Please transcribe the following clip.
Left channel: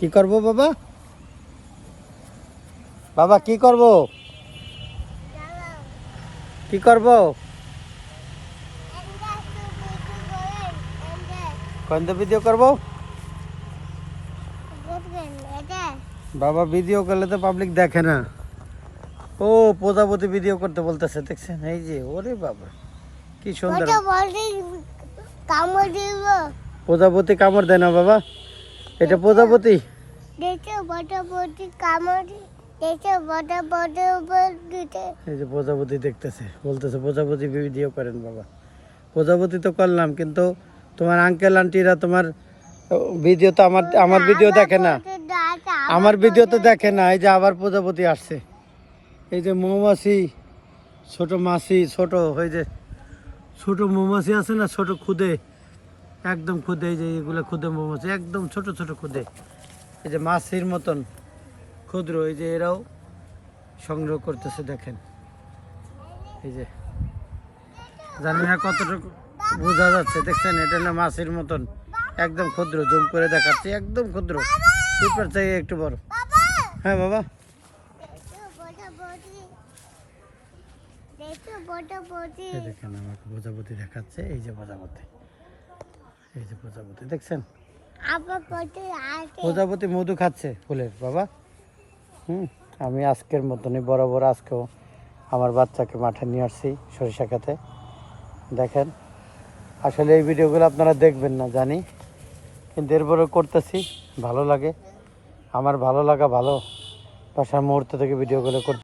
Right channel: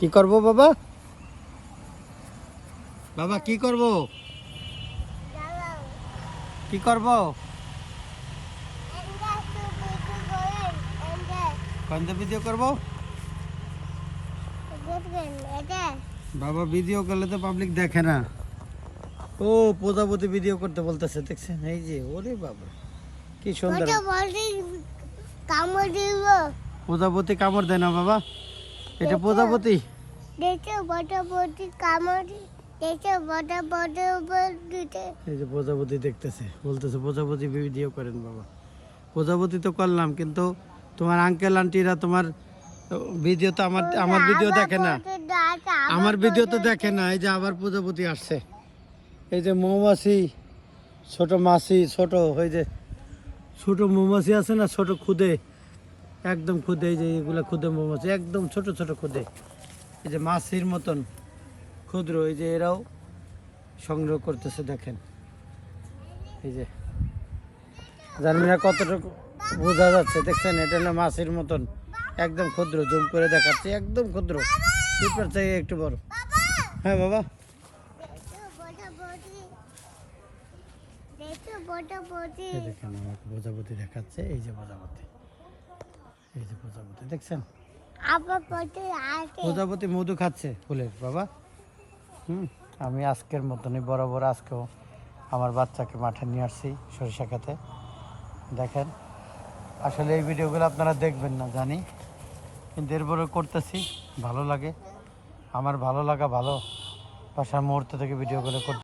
কি করব বাবা? বাবা কি করব? কি করব? কোন ভিডিও করব? বাবা ভিডিও করলে তো পাবলিক দেখে না। ও প্রজাপতি ভিডিও করতে বলতেছে, দেখছেন? এই যে ওরে বাবা কি সুন্দর। প্রজাপতি কামড় দেয় না বাবা, এটা প্রজাপতি। এই যে প্রজাপতি দেখতেছে, বলতেছে প্রজাপতি ভিডিও করেন বাবা। প্রজাপতি তো করলাম, কিন্তু তোমার আঙ্কেল আন্টিরা তোমার ভিডিও তো আমার ভিডিও দেখে না, আমার ভিডিও তো দেখে না। এই যে আবার প্রজাপতি আসছে, এই যে মৌমাছি, ছোট মাছি, ছোট ওই যে ছোট মৌমাছি আছে না, ছোট খুদে, একদম খুদে। এই যে এগুলো খুদে মৌমাছি, একদম ছোট ছোট খুদে, এই যে মাছির মতন ক্ষুদ্র। এই যে এরাও সংগ্রহ করতেছে, দেখেন। এই যে জানি না কতটুকু বোঝা যাচ্ছে, দেখছেন? এটা হলো মাছির মতন, একদম ক্ষুদ্র। জুম করে দেখাচ্ছি, একদম ক্ষুদ্র, পিঁপড়ার থেকে একটু বড়। হ্যাঁ বাবা, দেখেন আমাকে প্রজাপতি দেখাচ্ছে। এই যে প্রজাপতি, এই যে প্রজাপতি দেখছেন? প্রজাপতি মধু খাচ্ছে ফুলের বাবা। আমি আজকের মতনই বরাবর আজকেও আমার বাচ্চাকে মাঠে নিয়ে আসছি সরিষা খেতে। দেখেন, আসলে এই ভিডিওগুলো আপনারা দেখবেন না জানি, কিন্তু এরপরে করতেছি, ভালো লাগে। আমার ভালো লাগা, ভালো বাসার মুহূর্ত থেকে ভিডিওগুলো করতে।